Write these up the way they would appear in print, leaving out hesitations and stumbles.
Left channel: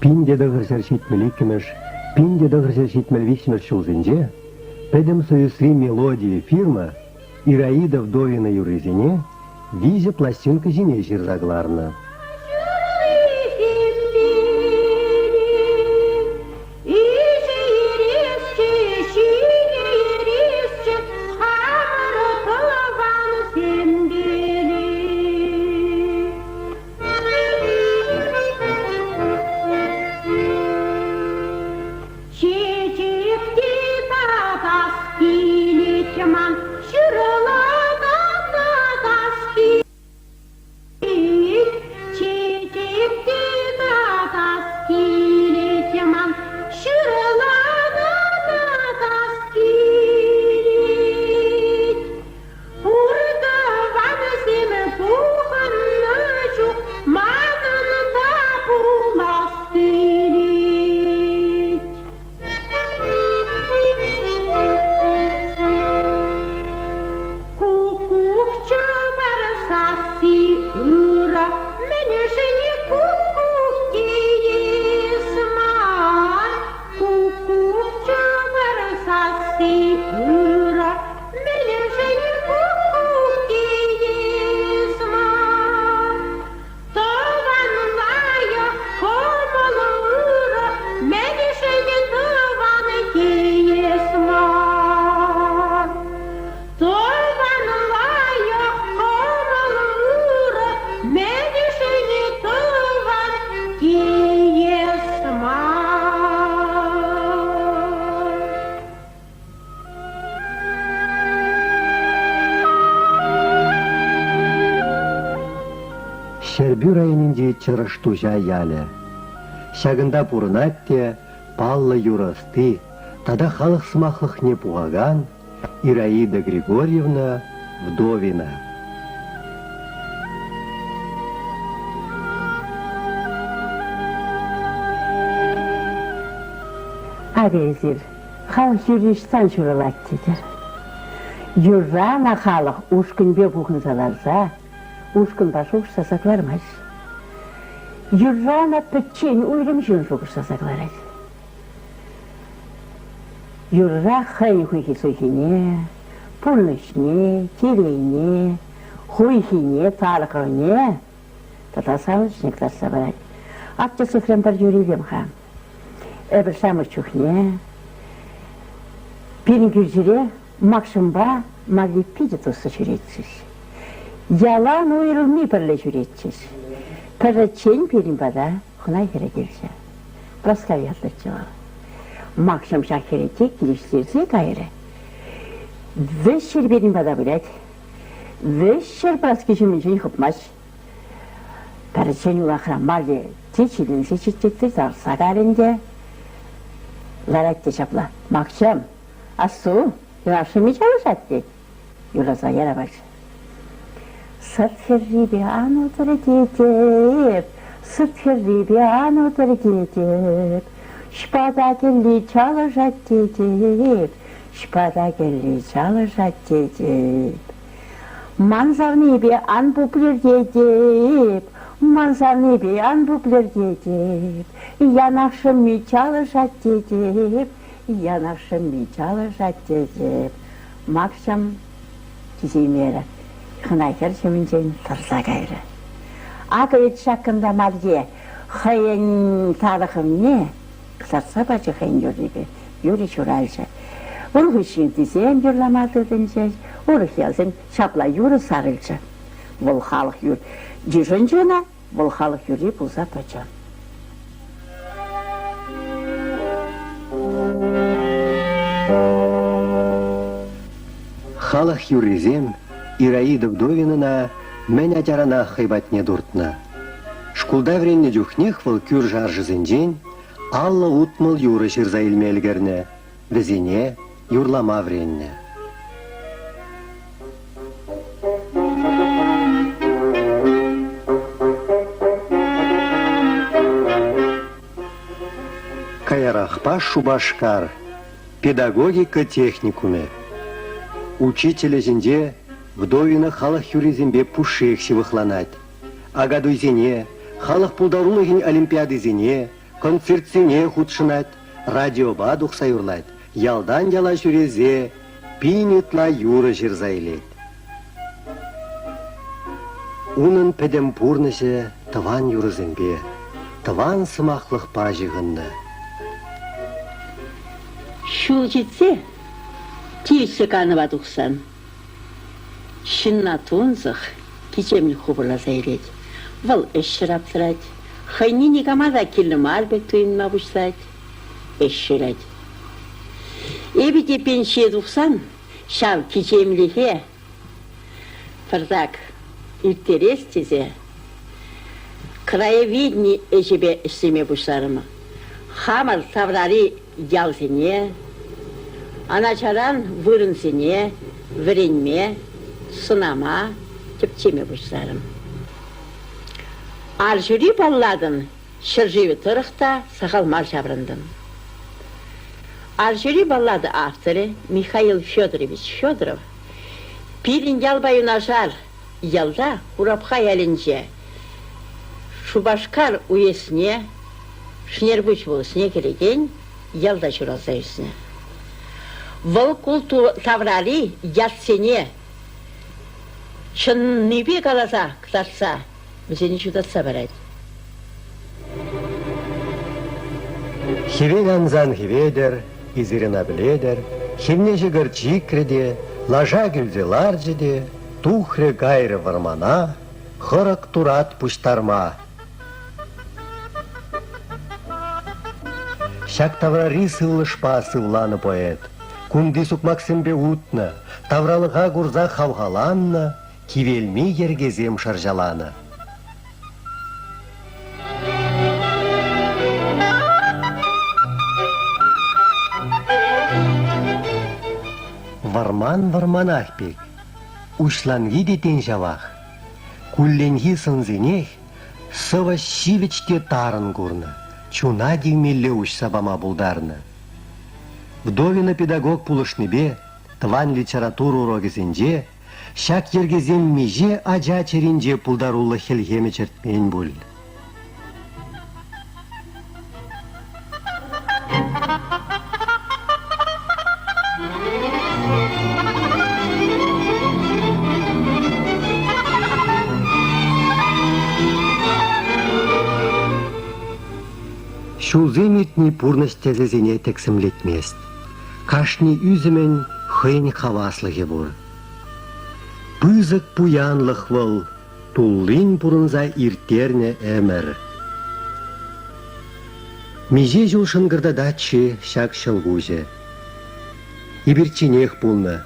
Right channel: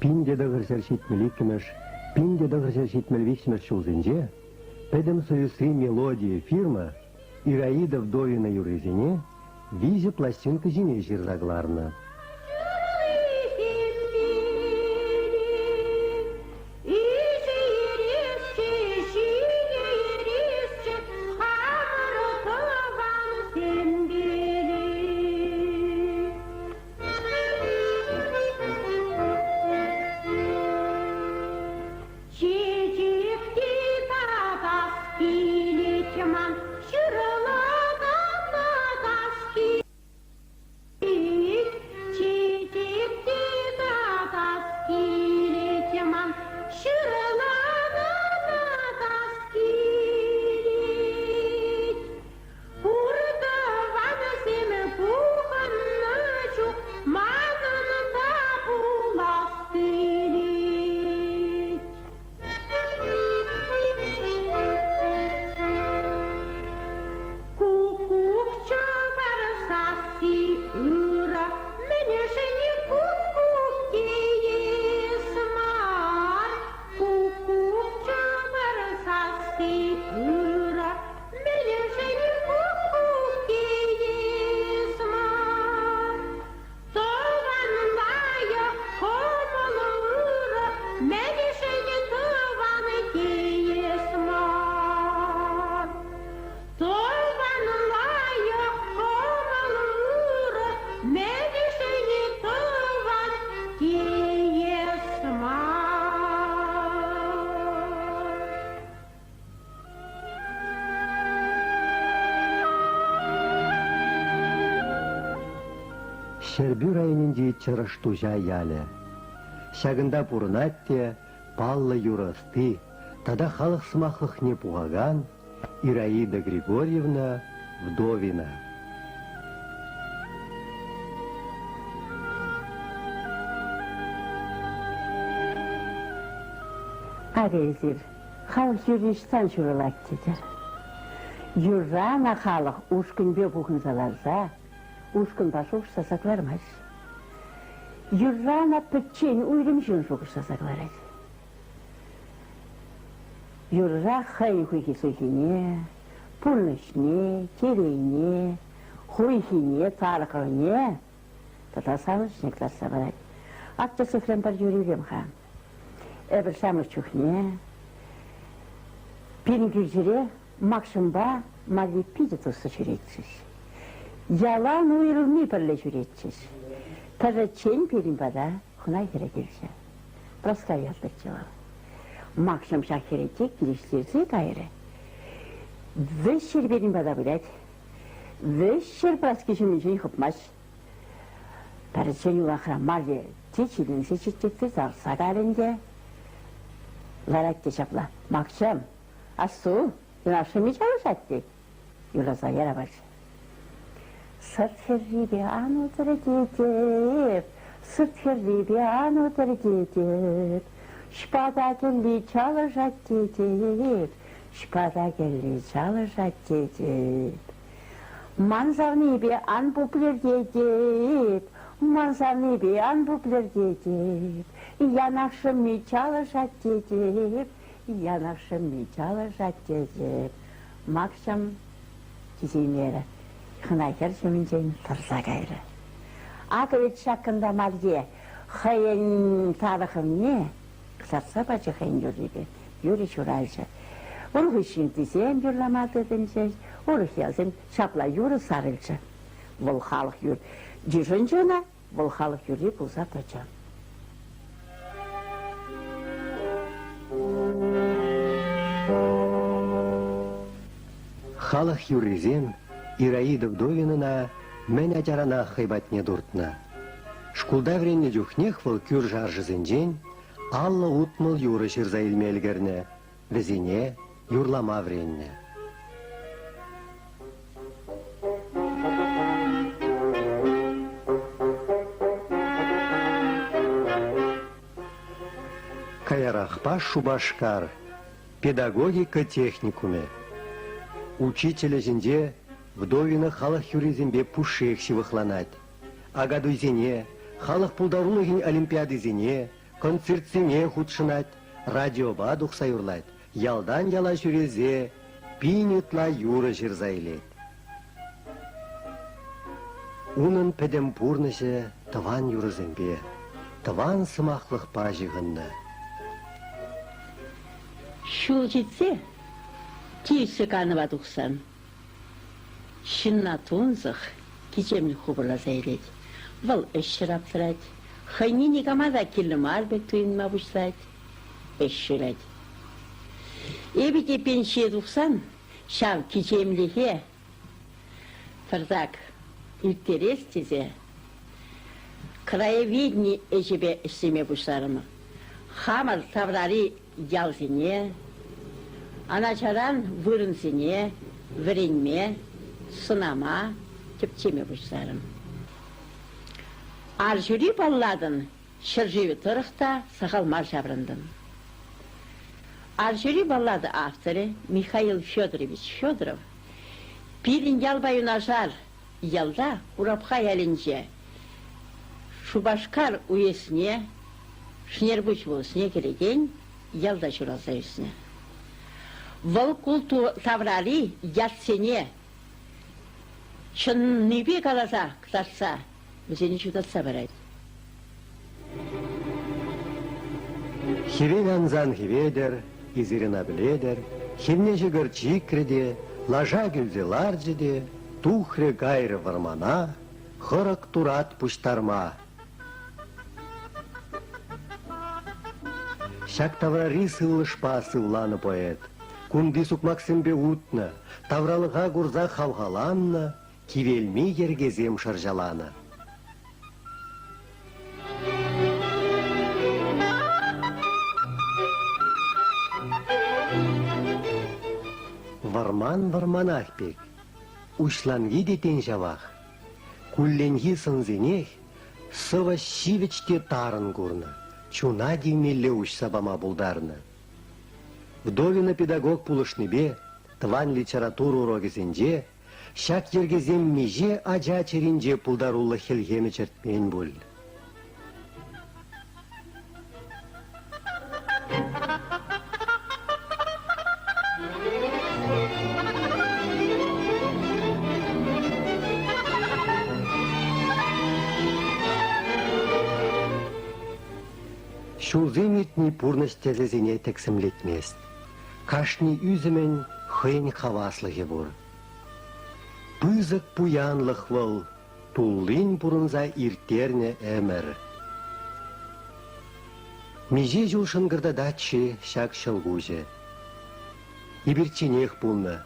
Пинде дагырсаршит меликимеш, пинде дагырсаршит мельвичмеш чулзинже, педем союзри мелодии фирма Ираида Вдовина юрызине визе пластинка зине жирзагларна. Шербюр айнинде чырыштужа яле. Шагында пурнатте, паллы юрасты, тада халық смахлых не пугаган Ираида Григорьевна Вдовина. Арезир, халық юриштан журалаттедер. Юррана халық ушкынбе бұғын заларза, ушкын башы ұшсасаклармайш. Юррана пөтчен уйлым жөн жоқ ұшсасакларайш. Юрра хай хуйхи сойхине, пулнышне, терейне, хуйхине, тарқыне, тата сауышнек тарсабай. Атчы сыхрем бар юрилем хам. Эбір шамыр чухне, пирин күржіре, макшымба магнипиде тосы жүретсіз. Ялан уйрылмы бірлі жүретсіз. Пірречен пирин бада хунай кере келсе. Прасковиятlı чыва. Макшым шахерете келештерсе кайры. Вешшер пирин бада білет. Вешшер праскешімін жей хыпмаш. Пірречен улақыра маге течілін сечеттекті зарса кәрінде. Ларакте шапла. Макшым, асу, yaşımı çalışattı. Yurasa yere baş. Sırtırri bir an otoritip, sırtırri bir an otoritip, şpada gelli çalışattı, şpada gelli çalışattı. Manzarni bir an popüler dedip, manzarni bir an popüler dedip, yanaşımı çalışattı, Yanavşım çalışat dedi. Makşam kizimere. Hınayker şeminceğin tarsa gayrı. Aka et şakkında mardiye. Hayın tarıkım ne? Kısarsa bacı hayın yürüyü. Yürü şurayca. Onu hışın dizeyim yürlamadı dince. Onu gelsin şapla yürü sarılca. Bol halık yürü. Cüzüncüne bol halık yürü bulsa bacı. Халық юризем Ираида Вдовинына мен атярана хайбатне дуртна. Шкулда вренне дюхнех выл кюр жаржызынжен, алла утмыл юры шырза илмелгерне, візине юрлама вренне. Каярахпа Шубашкар, педагогика техникуме. Учителя зинде Вдовина халық юризембе пушек шивыхланать. Агадуйзене, халық пулдарулыгин олимпиадызене, концертсене худшынать, радиоба духсайурлать, ялдан яла жүрезе, пинитла юры жирзайлет. Унын педем пурныше тыван юрызембе, тыван сымақлық пажығынды. Шул жетсе, тиісі қаныва дұқсан. Шынна тонзық, кечеміл құбырла зайлет. Вал әшшір аптырать. Хайни негамада келім арбек түйінма бұшлать. Әшшірать. Эбеде пенше дұқсан, шав кечеміліге. Фырдак, үлтерес тезе. Краевидни әжебе ішсеме бұшларымы. Хамар таврари ялзене, аначаран вырынзене, віренме, сынама, тіптеме бұшларым. Аржүри балладын, шырживі тұрықта сақалмар жабрындым. Аржүри баллады авторы Михаил Федорович Федоров пирин ялбай унажар ялда урапха ялінже Шубашкар уесіне Шнербуч болысыне келеген ялда жүралса үсіне. Выл култу таврали ятсене шын небе қаласа кытарса өзені жудатса барайды. Хирин анзан хиведер, изирина біледер, химне жігір чикреде, лажа гүлзелар жеде, тухре гайры вармана, хырық турат пуштарма. Шак таврари сылышпа сывланы поэт, кунди сукмаксымбе утна, тавралыға гурза хавгаланна, кивелми ергезем шаржаланы. Варман ахпек, ушланги детен жавах, кулленги сынзенех, сыва щивечте тарын гурна, чуна дегмелле уш сабама булдарны. Вдовина педагог пулышныбе, тван литературу урогезенже, шак ергезем меже ажа черенже пулдарулы хелгеме чертмен буль. Шулземетни пурность тезезене тексімлетмест. Кашни үзімен хыйн хаваслығы бұр. Пызык пуянлық выл, туллин пурынза иртерне әмір. Меже жыл шынгырдадатчы шак шылгузе. Ибірченех бұлны,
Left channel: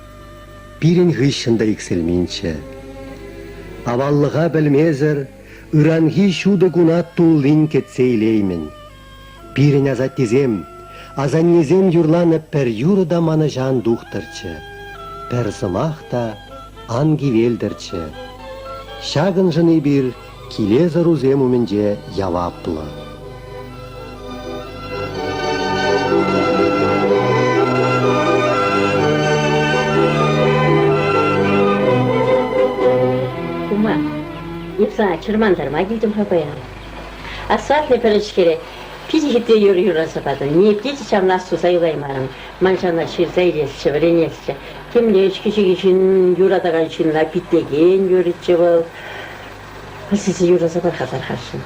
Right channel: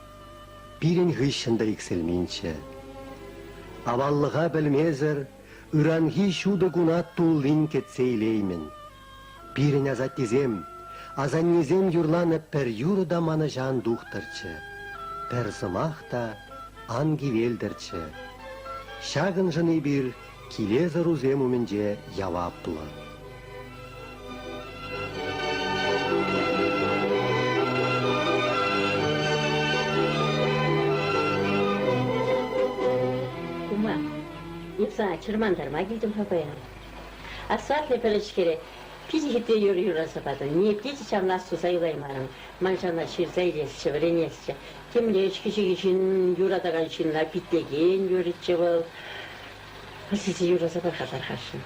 пирен ғышында икселминче. Аваллыға білмезір, ыранги шуды гунат туллин кетсейлеймін. Пирен азат тезем, азаннезем юрланып пер юрыда маны жан духтырчы, пер зымақта анги велдірчі. Шагын жыны бір килезі рузем үмінде яваплы. Ума, епсана чырмандарма келдім хабаян. Асфальтный перечкере пизихите юраса падын, не птичи чамнас суза юлаймарым, маншана ширза илесші, вренесші. Кемле ішкіші кешін юрадаған шынла биттеген юритші бол. Сізі юраса бар қатар қаршын.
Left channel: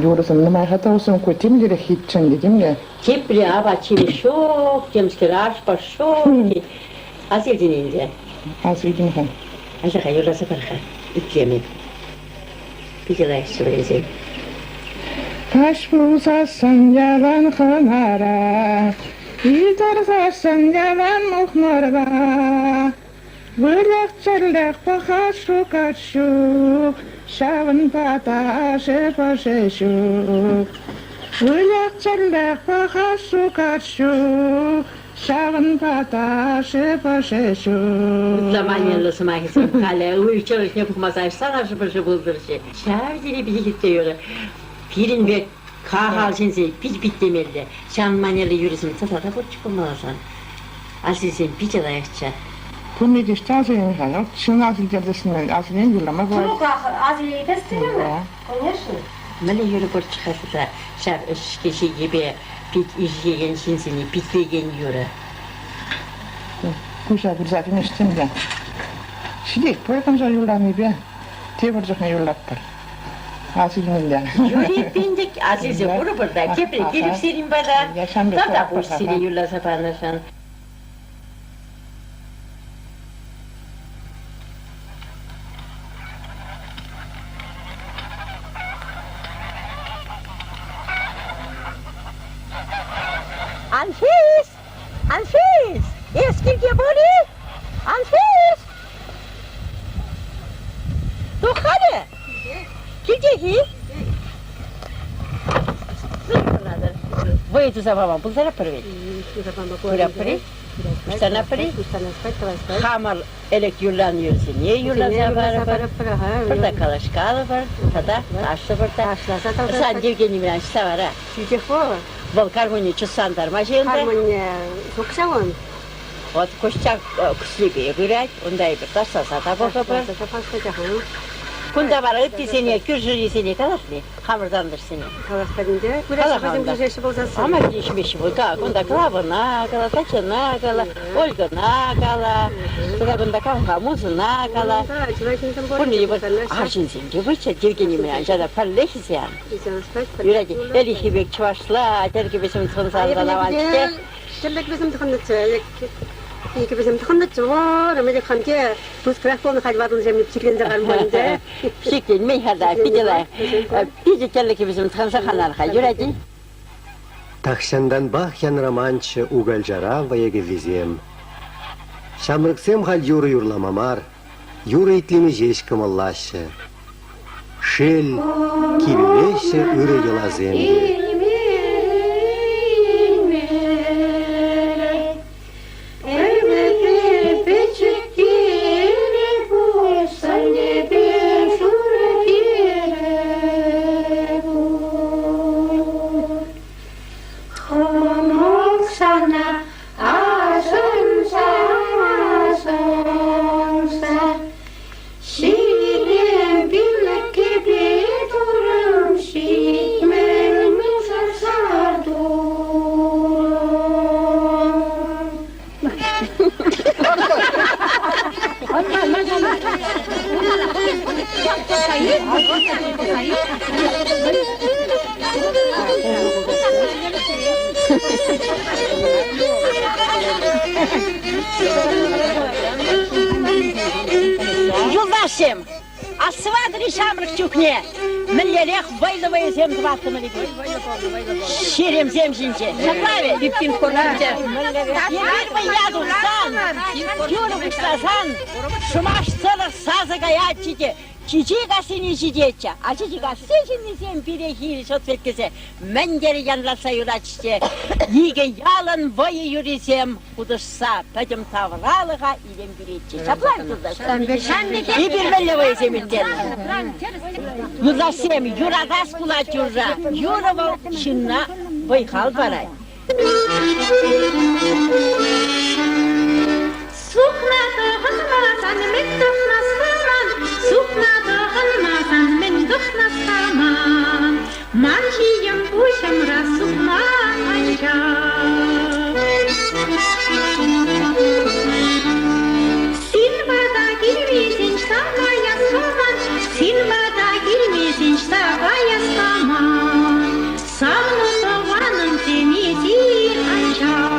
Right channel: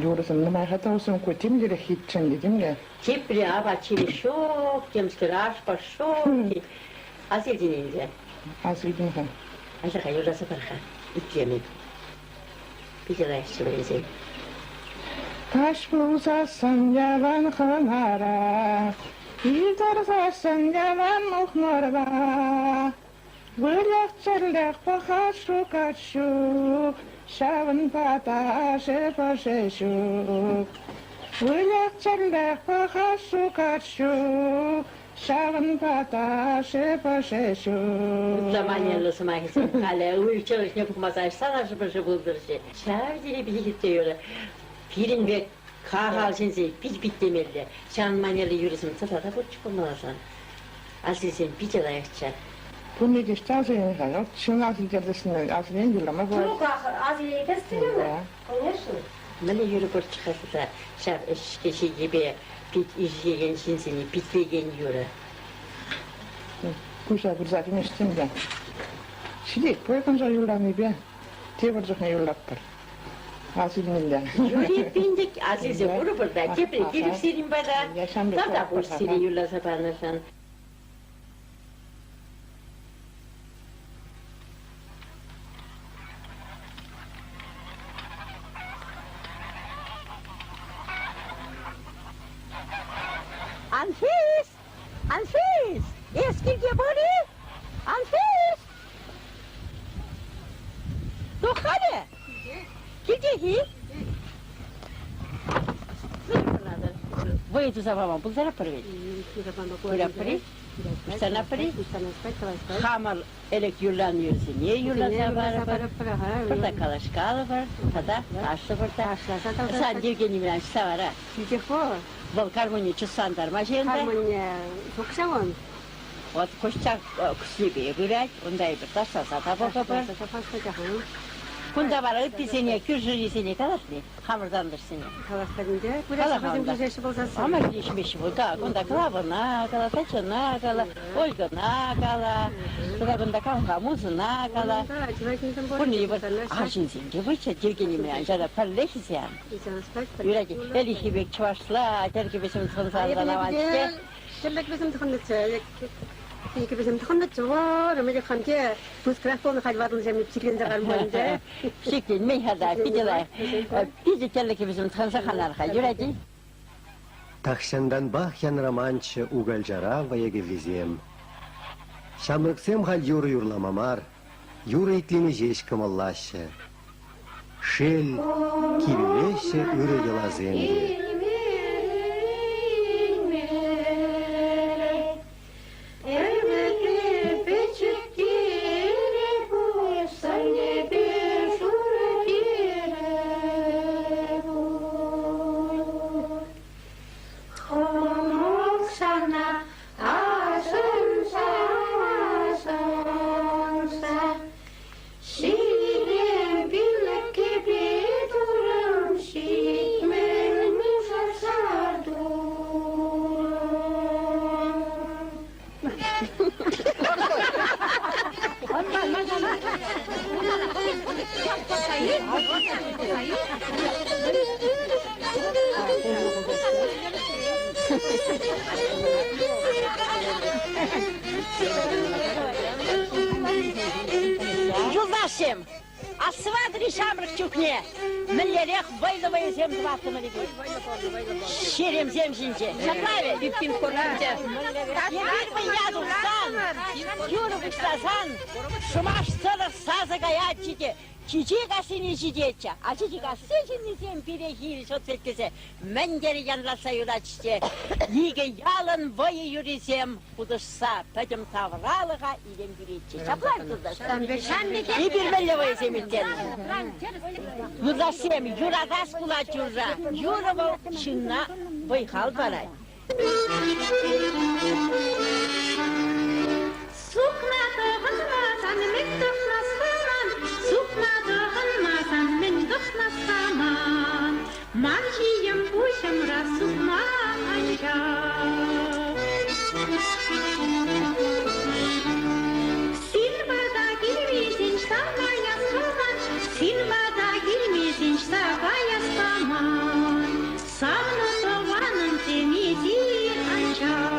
Юрасым нұмай қата олсын көтем дере хитчен дегенге. Кепілі аба чебі шоқ, темскер ашпа шоқ. Асылден енді. Асылден хан. Андыға юраса барха, үттемін. Бігелайшы бірезен. Taş bulsasan yalan kınara, yitarsasan yalan muhmara. Bırlak çırlak bakar şu kaçşuk, şavın pataşı paşeşuk. Bırlak çırlak bakar şu kaçşuk, şavın pataşı paşeşuk. Zamanlı sımağısın kale, uyuşçalık yapılmazay, sanaşı başı buldurcu. Şahidini bizi gitti yürü. Pirin ve kahal sense pit demeli. Şan manyalı yürüsün tatada bu çıkılmazsan. Asıl sen pit alayakça. Bunu geçti azıyım yani. Şunun azil cerdesinden azilin yıllamak var. Bunu azil kestin mi? Конечно. Mene yürü bur çıkası da şar kişi gibi pit izleyen şinsini pitleyen yürü. Kuşa bir zaten içtim ben. Şimdi koyakımca yıllanıyor be. Teburcukla yıllattır. Azilin yani. Yürü bindik azize vuru burada kepre gelip senin bana. Yaşam bir Tada taraf bu var. seni yürlasa paylaşan. Anfis! Anfis! Eski geboli! Anfis! Du hadi! Gidecek. Voi tu sapeva, pulsare per vedi. Pura pari, ustana pari, hamar elek yürlanıyorsun. Niye yürlansa var? Burada kalaşkalı var, tada taşlı var. Sen Evgeniy Milanç'ta var ha. Vol karmoni çusanдар majenda. Harmonia sokşavın. Ot koşacak kuslibiye göre, onda bir taş sata bakıp. Kunda var ötti seni, kürjüri seni kalasni, hamurdandır seni. Kalaslarında. Burası bizim düzleşi bozası. Ama geçmiş bu da, kunda kravına, kala saçına, kala olgana, kala, bunda kavga muzuna, kala. Bunu yıpır, arşın sen gibi Evgeniy Milanç'a da parleşiz yani. Yüreci, deli gibi çuvaşla, deli gibi bizim sonsanıza lavançte. Çellek bizim tıkanlıçı. İki bizim tıkanlıçı var. Ama de kanki, buz kraftonu kalbadın zemli psiklinde kalmayınca. Şeklin meyhada, pidiler, pidi kelleki bizim tıkansa kanarka, yüreci. Тахшандан бахян романчы угальжара ваяге везем. Шамрыксем халь юры юрламамар, юры итлими жеш кымыллашы. Шел кивлеші үрі елаземге. Юлдашым, асвадри шамрык чукне, миллелех вайловая зем дватымы либи. Ширем зем жинче. Заправе, биптин корнарте. Емермы яду сан, юрым сазан, шумаш целых саза гаячите. Çiçeğe seni çiçeğe, açıcığa seçini sen birehil sotkese, men geri yanlarsa yuraççe, yige yalan vayı yürüsem, uduşsa, tadım tavralığa ilim güreççe. Çaplar yurdaş. İyi bir melle vayı zemitten. Yurdaşsem, yuradas bulat yurda, yurava şınna baykal baray. Sukna dağılmazan, men dokunasman. Sukna dağılmazan, men dokunasman. Marjiyem uşamra sukman aşağı. Silvada girmezin ştavaya saman. Silvada girmezin ştavaya saman. Sağlı soğanın temizin aşağı.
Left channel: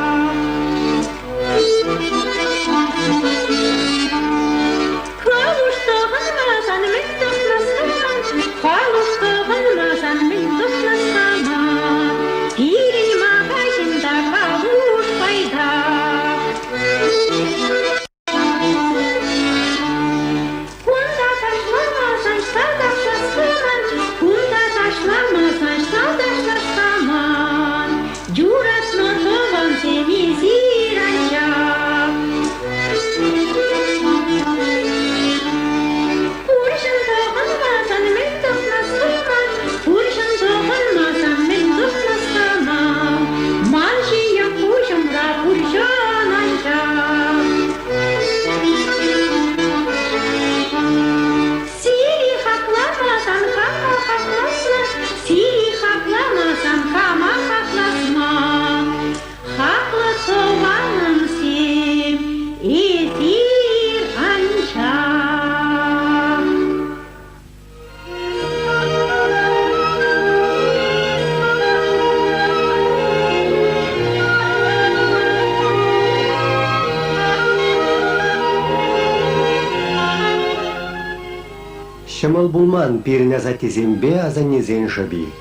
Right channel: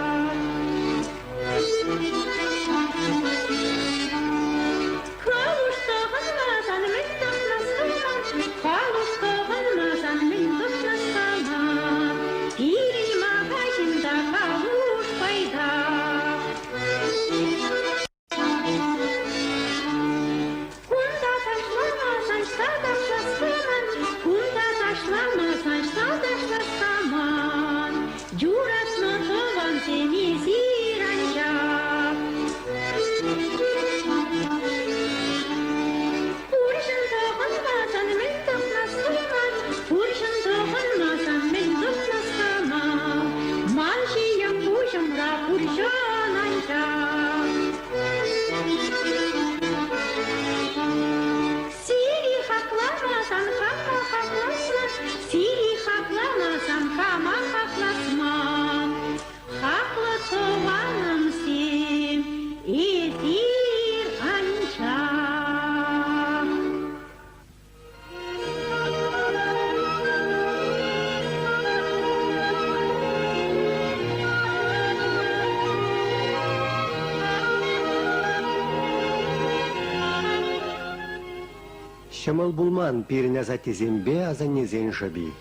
Шымыл булман пиріне затезембе азанезен жаби.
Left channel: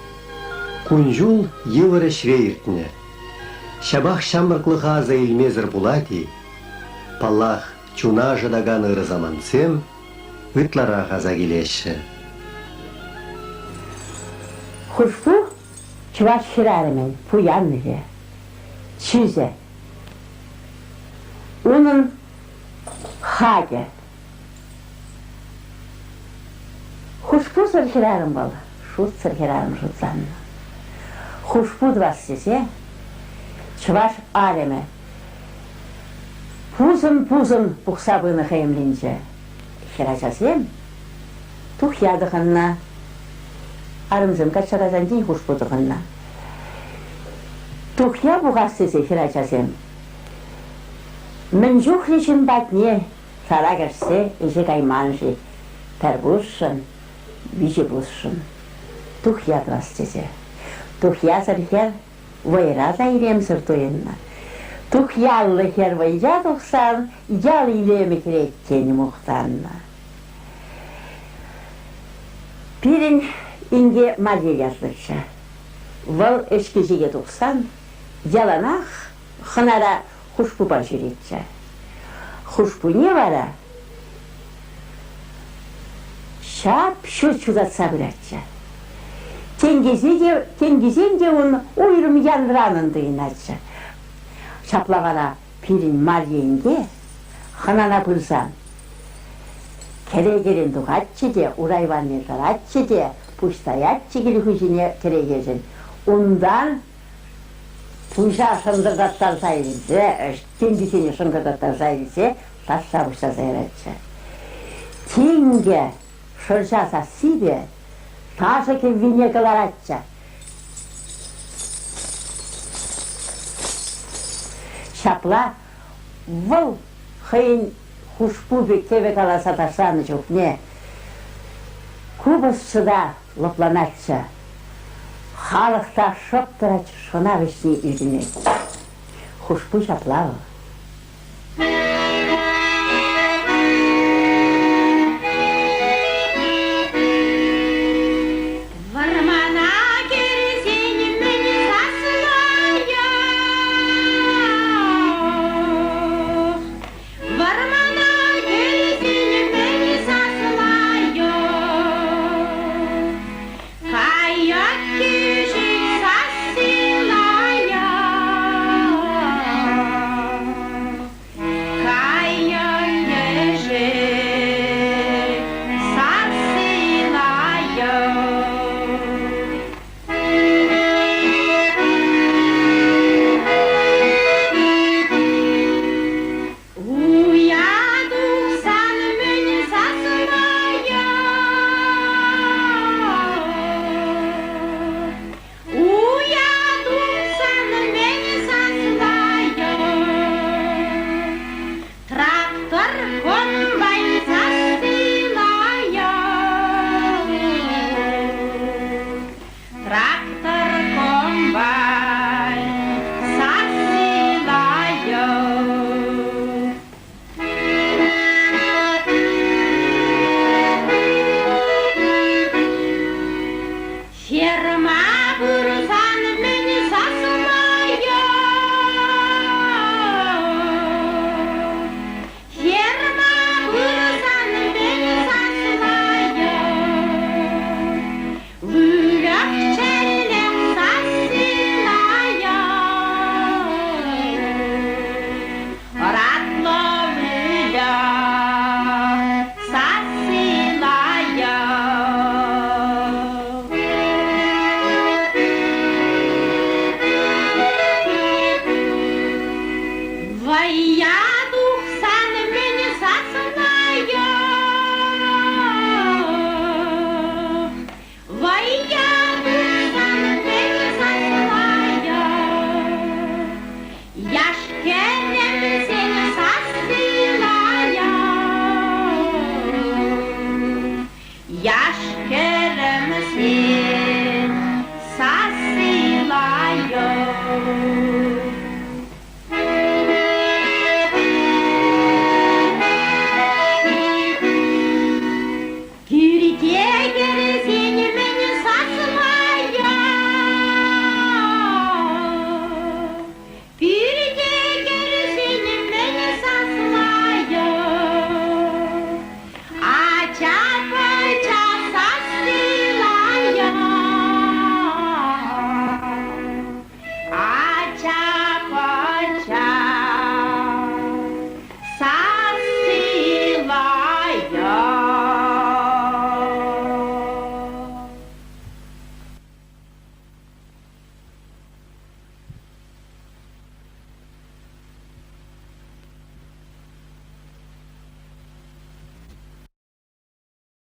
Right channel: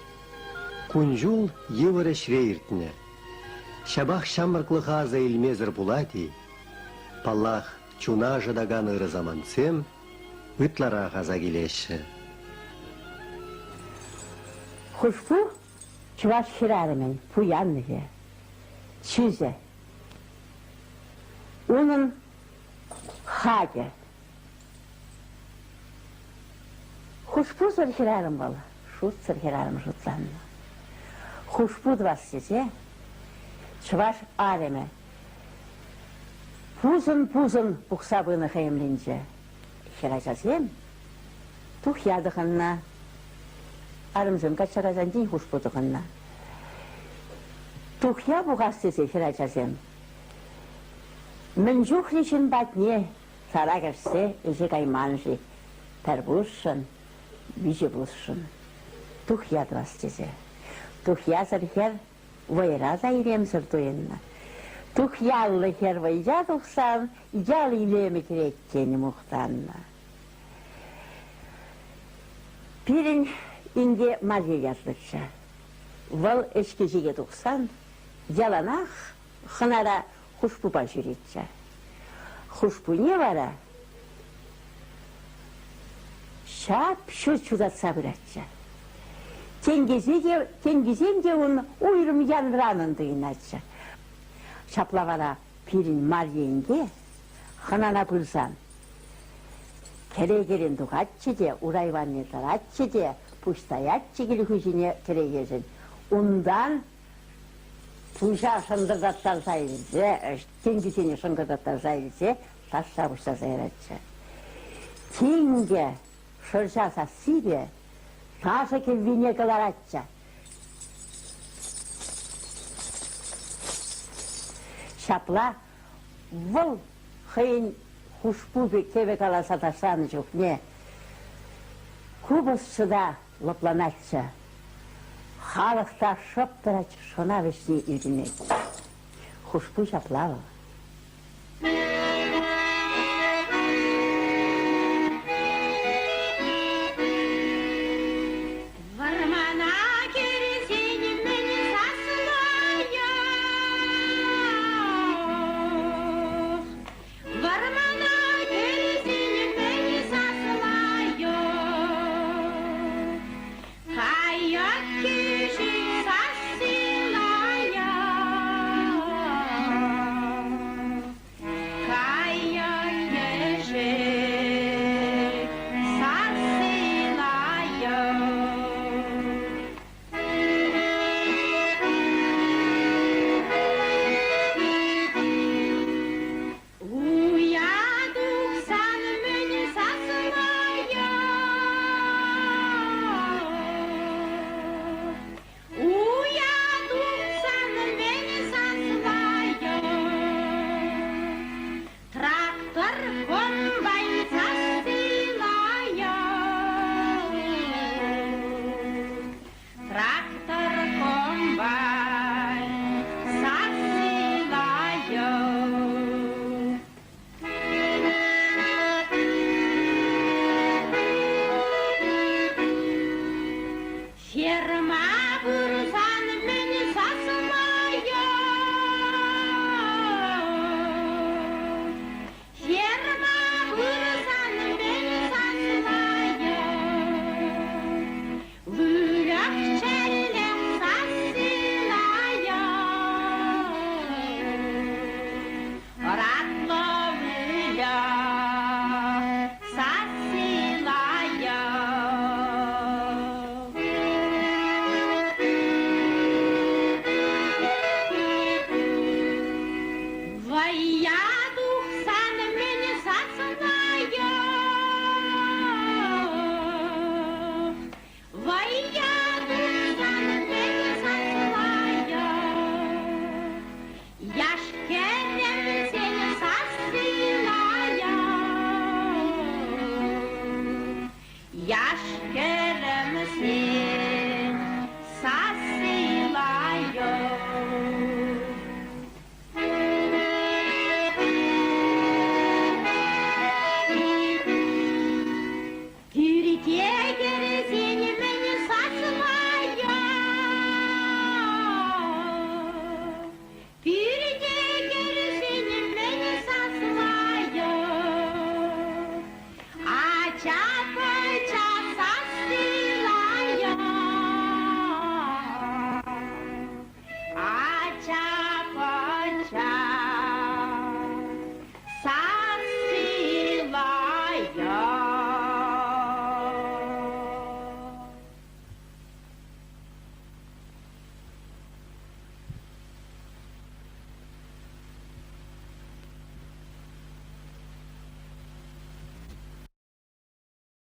Кунжул евры швейртне. Шабах шамырклыға аза илмезір булати. Паллах чуна жадаган ырзамансем, ытлара газа келеші. Хушку чуваш ширарымен пуянныре, чизе. Унын хаге. Хушку сырхирарым бол, шут сырхирарым шутсанны. Хушку двас сесе, чуваш ареме. Пузын пухсабыны хемлинче. Хирачасем, тух ядыханна. Арымзын качарадан дейін хуш бұдырғанна. Тухя бұғас сесе хирачасем. Мен жух лишін батне, сара кашсе, иже кайманжи. Тәрбушшын, биші бұшшын. Тухя двас сесе. Тухя сәрхер, вайра зайрем сұртуенна. Тухялы хер вайя тұқсан, ял илемі кереккен мұқтанна. Пирин инге маде яздырча. Вал эшкежеге тұқсан, яланақ хынада хушпу башыретча. Хушпу не вара? Шап шүрчуға сабыратча. Тенгезен де оны ойрым яндыранынды инача. Шаплағана пирин мадейінге хынана бұлсан. Керегерін дұғатчы де, урайваны ғалатчы де, пұштаятчы келгізіне керегерін. Ондан пұша шындырдаттар сайылзе, тендесіне шындырдаттар сайылзе, тасса пұша сайратчы. Тенге шыршаса сибе, ташы келгіне қыларатчы. Шапла, выл хыйын хушпубе кебе каласа ташаны жоқ не. Кубысшыда лопламакчы. Халықта шоптырач шына вишни үйдіне. Хушпу шаплавы.